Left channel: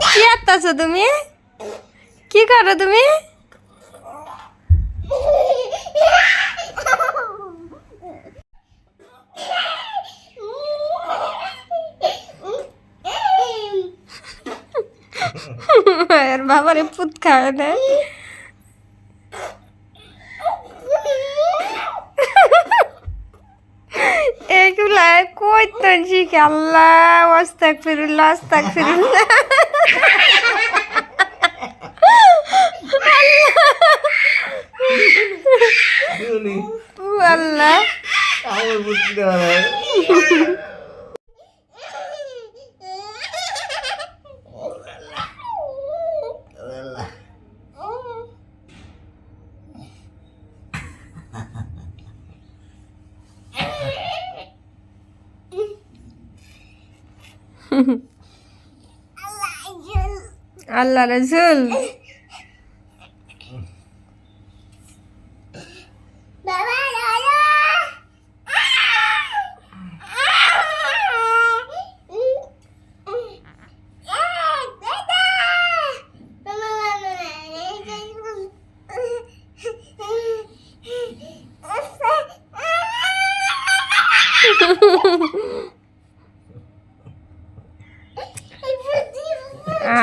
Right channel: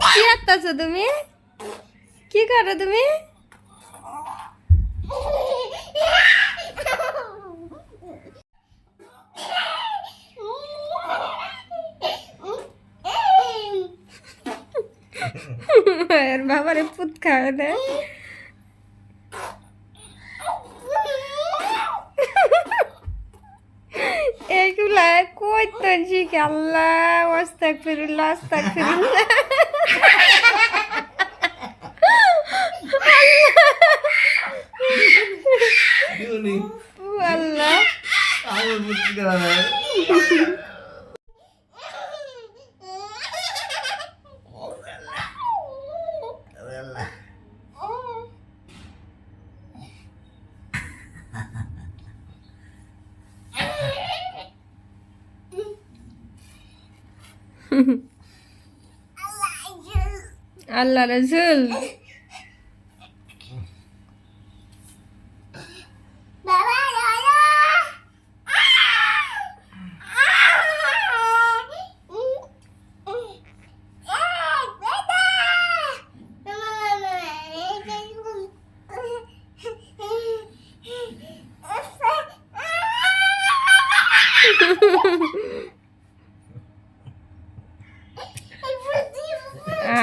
কি আত্তাছো তুমি? কি করো তুমি? এর বাবারে পুত খায় না। এগুলা কইতেন শিখে আল্লাহ আস্তাগফিরুল্লাহ আস্তাগফিরুল্লাহ। আল্লাহ আল্লাহ রাসূল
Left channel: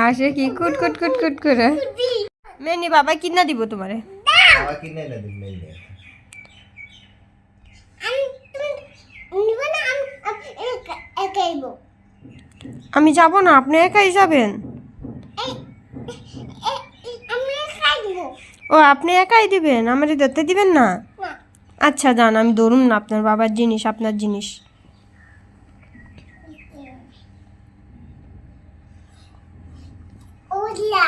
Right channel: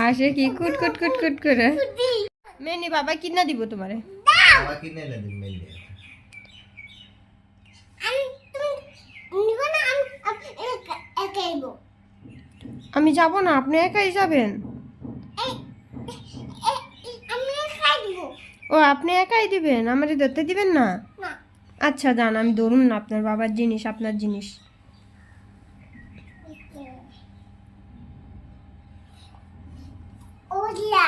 আসে কি কুট কুট কুট কুট করে। মেনি বাবা কিনা দিব তোমারে? বাবা কিনে এনে দিন মেলে। আমি যাব না, আপনি একাই যাবেন? ও আপনি একাই দিবেন, আমারে ধরতে দিবেন না? আচ্ছা যান, আমি ধরুম না, আপনার বাবার জিনিস আপনার জিনিস। ওলিয়া